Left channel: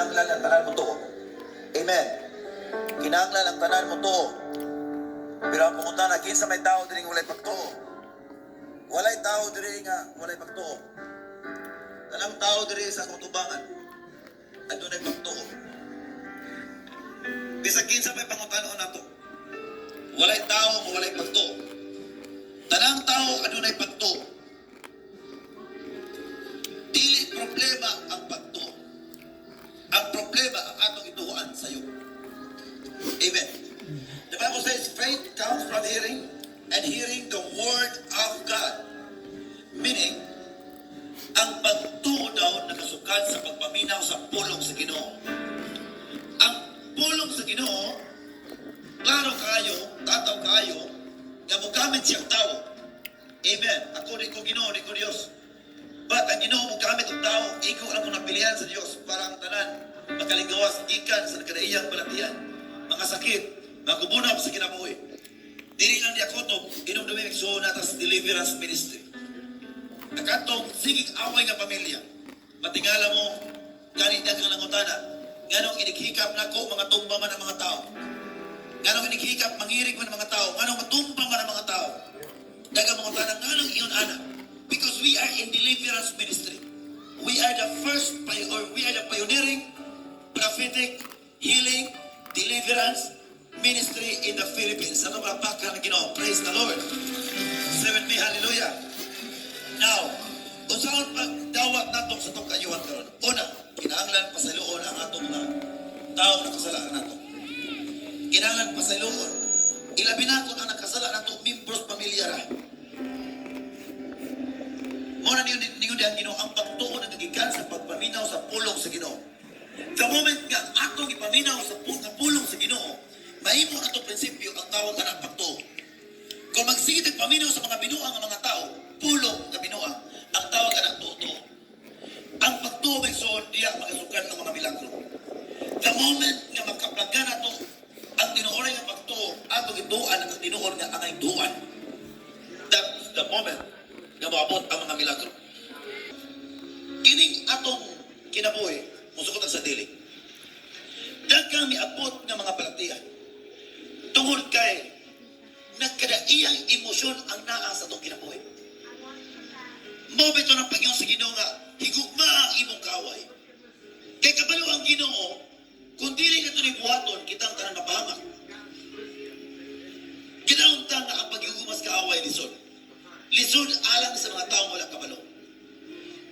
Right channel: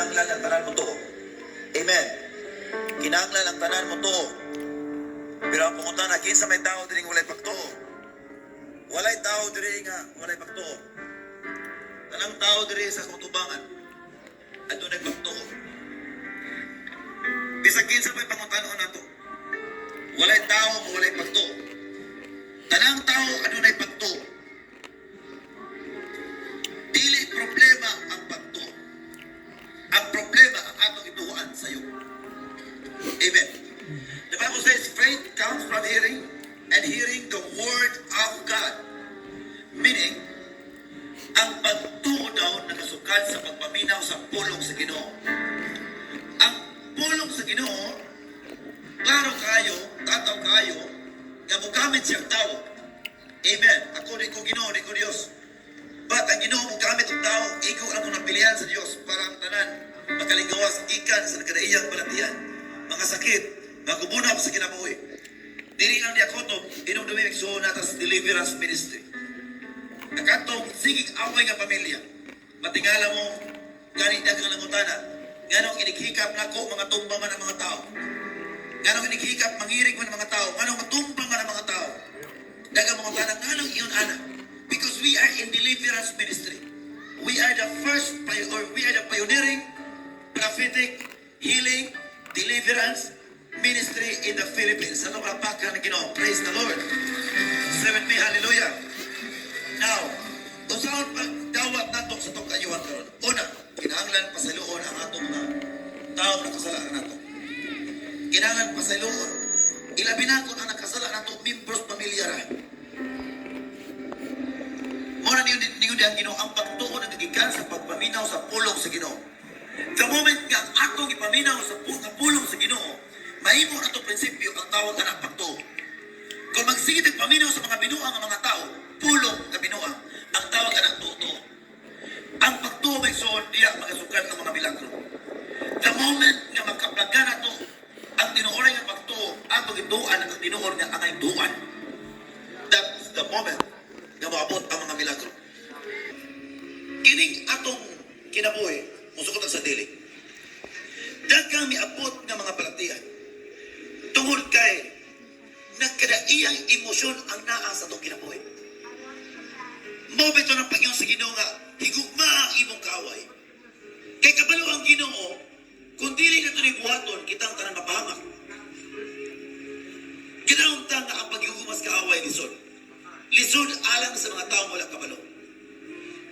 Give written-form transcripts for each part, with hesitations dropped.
kinahanglan ang tanan mo to. Amen. Kinahanglan ang tanan mo to. Pero ang pangutana, kinsa may tao diri nga walay pagtuo? Walay tao diri nga walay pagtuo. Tanang tao diri sa kutubangan adunay pagtuo. Bisag kinsa may pangutanon nato. Walay tao nga walay pagtuo. Tanang tao adunay pagtuo. Dili problema ang pagtuo. Ang problema ang atong ituhuan sa iyo. Amen. The Bible says faith comes from hearing and hearing the word of God. Meaning, ang pagtuo daw nakasukad sa pagpaminaw sa pulong sa Ginoo. Ang pulong sa Ginoo, klaro kayo, tataw kayo, nga mogamit siyang tao. Amen. Ako rin ko Ginoo, rin ko Diyos. But ang Ginoo mogamit ang tao, ikaw ang mong napilihan sa Diyos para ang tanan makaligawas ikan sa nagkadaiyang balatian. Mga sakit, magubunap sa kinabuhi. Diri lang niya kotob, inom dumimik so natas deliverance ministry. Nakatong sigig away nga pamilya. Matingala mo, ganit dagang langutana. Nganong inighikap na ko, mga tumba man ang mga tao. Nganong inighikap, mangirig man ang mga tao. Nganong matumba man ang mga tao. Dagang mga tanang, nganong iyon ana. Because we are in deliverance ministry. We are the first, or we are the pioneering, prophetic, healing, deliverance ministry in the Philippines. Ano ba pakhan ng Ginoo? Praise the Lord. Say with me, hallelujah. Now, usaon pag dawat nato sa itong kayuhan karon. Una, kinahanglan pasaluon ang atong mga taong nakasalaan nato. Kinahanglan pasaluon. Ilabi na kung ang nakasala nato, members pamilyara. Muna niyo diyan Ginoo ang pagtuo na nagikan sa pagpaminaw sa pulong sa Ginoo. The moment nga atong ipaminaw sa pulong sa Ginoo, mahimo ato prinsipyo ang tawag na pagtuo. Kung magsigit ang paminaw sa mga binuang ang mga tao, pulong na binuang, ang tawag na tuto. Ang pagtuo may soon diya magasukan ng mga milagro. The moment nga magkaplagan na to, ang tinuoray nga pagtuo, atong ituan ang tinuor nga ang ituan. That's the moment nga maabot ang mga milagro. Kining atong kinabuhi, musukot sa dili. Daghang miabot nga mga balatian. Tungod kay nagkadaiyang emosyon ang naa sa itong kinabuhi. Mabito ng Panginoon sa Ginoo nga, higugma ang imong kaaway. Kay kabalo ang Ginoo, kung dili na ito ni buhaton, kitang tanang mapahamak. Kinauntang na ang paghugumas kaaway lisod. Lisod alang sa mga taong wala kabalo.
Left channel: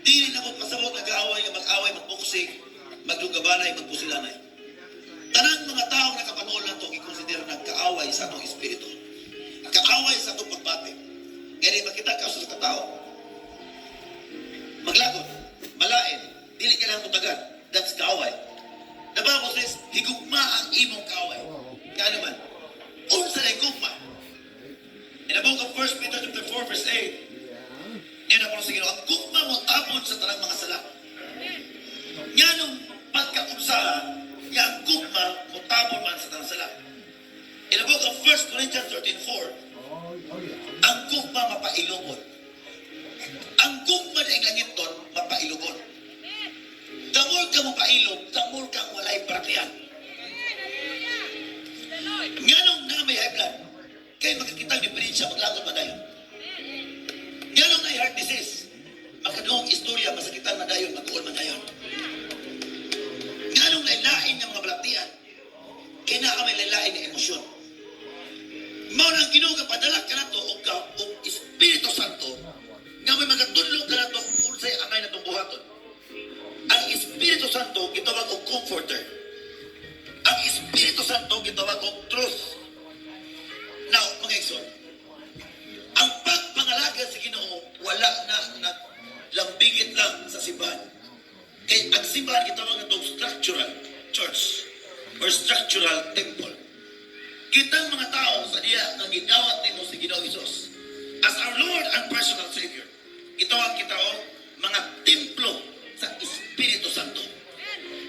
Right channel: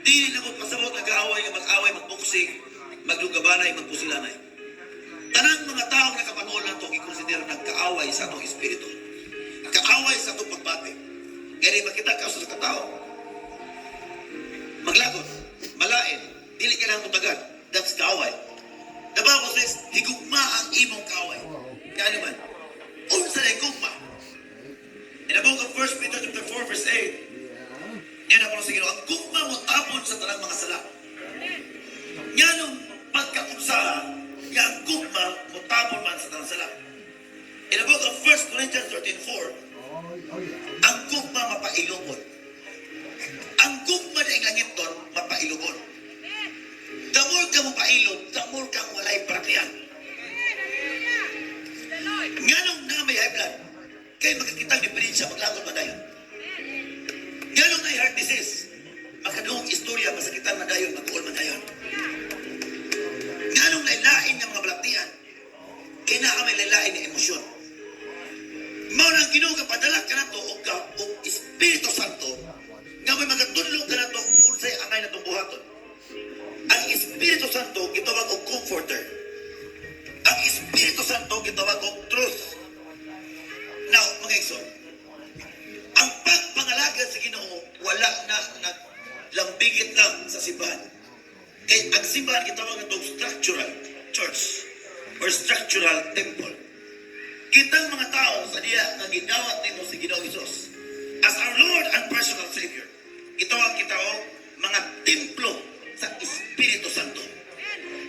Dili na mo pasabot na kaaway nga mag-away, magbuksig, maglugabanay, magpusilanay. Tanang mga taong nakapanood lang ito, ikonsidera ng kaaway sa atong espiritu. Kaaway sa itong pagbati. Ngayon makita ka sa katao. Maglagot, malain, dili ka lang mutagan. That's kaaway. The Bible says, higugma ang imong kaaway. Kaya naman, unsa na higugma? In the book of 1 Peter chapter 4 verse 8, yan ako sa Ginoo, ang gugma mo tapon sa tanang mga sala. Nga nung pagkaunsa, nga ang gugma mo tapon man sa tanang sala. In the book of 1 Corinthians 13:4, ang gugma mapailubon. Ang gugma na ingangiton, mapailubon. The more ka mapailob, the more kang walay praktiyan. Nga nung na may high blood, kaya makikitang diferensya maglagot madayon. Nga nung na heart disease, makadoong istorya, masakitan madayon, mag-uol madayon. Nga nung nailain ng mga balaktian, kaya na may lailain ng emosyon. Mao nang Ginoo padala ka nato o Espiritu Santo nga may magatudlo ka nato unsay angay natong buhaton. Ang Espiritu Santo gitawag og comforter. Ang Espiritu Santo gitawag og truth. Now, mga igsoon, ang pagpangalaga sa Ginoo wala na lambigit lang sa simbahan. Kay ang simbahan gitawag itong structural church or structural temple. Kitang mga tao sa diya nga gidawat nimo si Ginoo Hesus as our Lord and personal Savior. Gitawag kita og mga templo sa Espiritu Santo.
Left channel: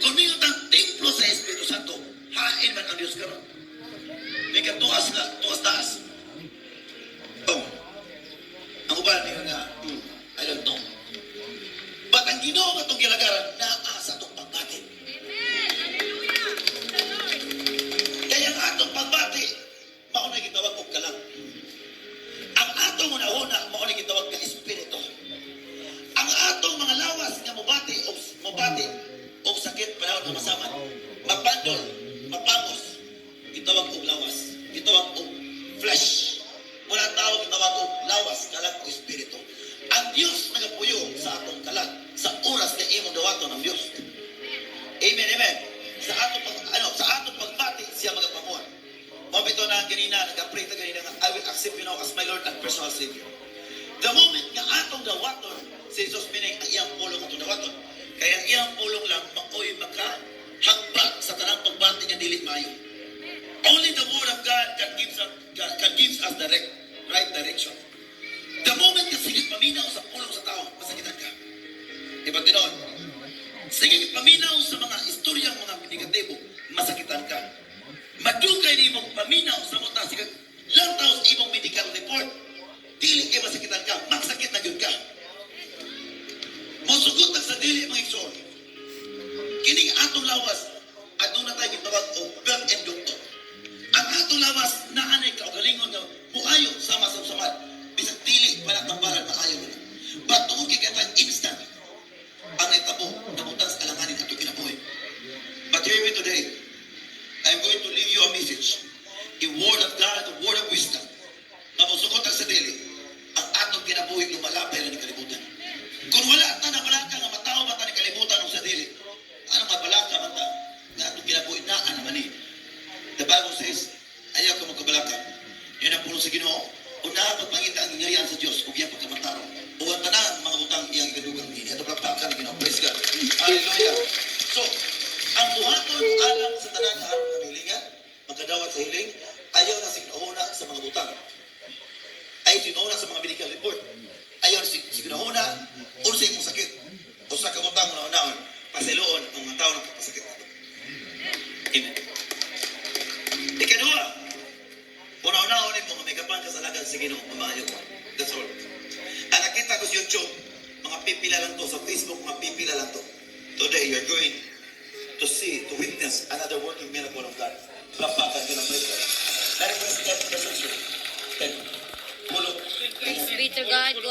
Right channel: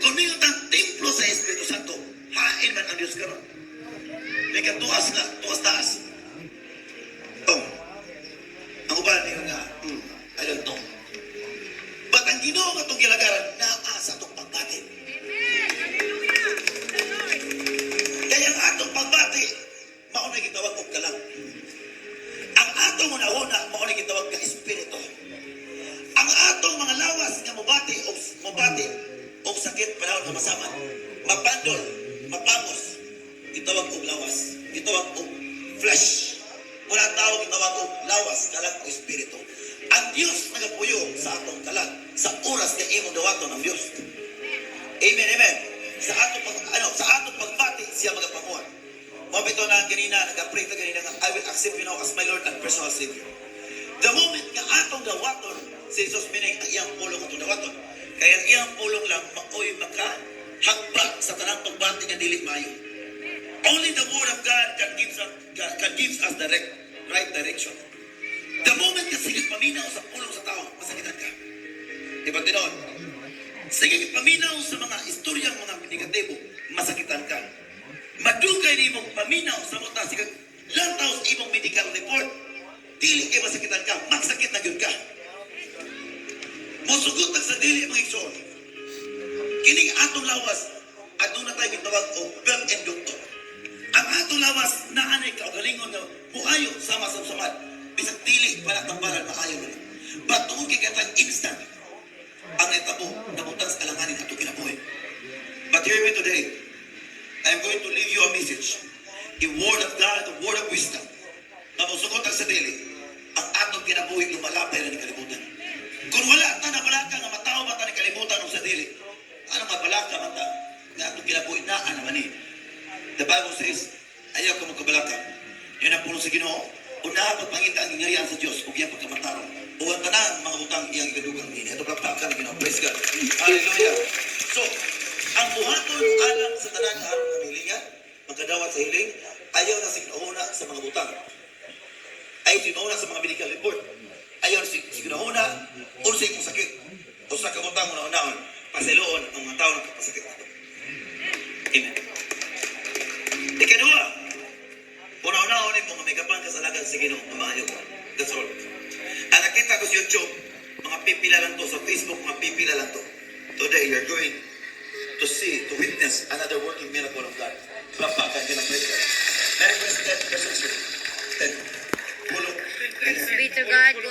Kung niyo tang templo sa Espiritu Santo, hain man ang Dios karon. May katuas na, tuas taas. Oh. Ang uban niyo nga, I don't know. But ang Ginoo nga itong gilagaran, naa sa itong pagbatin. kalag. Ang atong una-una, mauna gitawag nga espiritu. Ang atong mga lawas nga mubati o sakit panahon nga masaman, mapandol, mapamos, gitawag og lawas, gitawag og flesh. Wala tao gitawag og lawas, kalag o espiritu. Ang Dios nagapuyo sa atong kalag sa oras nga imong dawaton ng Dios. Amen, amen. Sa atong pagbati siya magapamuha. Mabito na ganina, nag-pray na ganina nga, I will accept you now as my Lord and personal Savior. The moment nga atong dawaton, si Jesus minay ang iyang pulong atong dawaton. Kaya ang iyang pulong lang, maoy makahagba sa tanang pagbati nga dili mayo. Only the Word of God can give us the right direction. The moment nga sige paminaw sa pulong sa tao, masakitan ka. Diba tinon? Sige paminaw sa mga istoryang mga negatibo, masakitan ka. Madugay ni mong paminaw sa mga sige lantaw sa imong medical report, dili kay masakitan ka, magsakit na gyud ka. Mosugot sa dili mga igsoon. Kining atong lawas, aduna na tayo gitawag og birth and doctor. Ang atong lawas naanay kaugalingon nga muayo sama sa usaman. Bisag dili pala tambalan maayo na. But tuod kay katang instant ang etabo nabutan sa alanganin ato kinabuhi. But hear me today. I am going to leave you a message. A word of God, a word of wisdom. Na mosugot sa dili, ang atong kinabuhi lumalapay na ni kalibutan. Kung wala ta na balaka nga mataw ba ta ni kalibutan sa dili, ano mabalaka man ta nga atong kinabuhi naa naman ni. The Bible says, ayaw ka magkabalaka. Yan ang puno sa Ginoo. Una pagpangita ang ingarihan sa Diyos ug iyang pagkamataro. Uwan tanan mga utang iyang igadugang ini. Ato palakpakan Ginoo. Praise God. Hallelujah. So, ang buhaton alam sa tanan nga aron nga hilingan, magkadawat sa hiling, ayaw na sinuuna sa mga utang. Ayaw sinuuna sa mga medical report. Ayaw sinuuna unsay mong sakit. Usa ka utang mo na pasiloon ang mga tao nagkapasakit nato. Amen. Ikadua, una-unaon mo nga may kapang kasalagan sa Ginoo, mamahayo ka. That's all. Ang nakita ko sa YouTube, mga pipila lang to. Sa Facebook, mga pipila lang to. Today, you're going to see, to witness another working miracle of God. Lapakan ka ng praise God. That is the message. Praise be to God.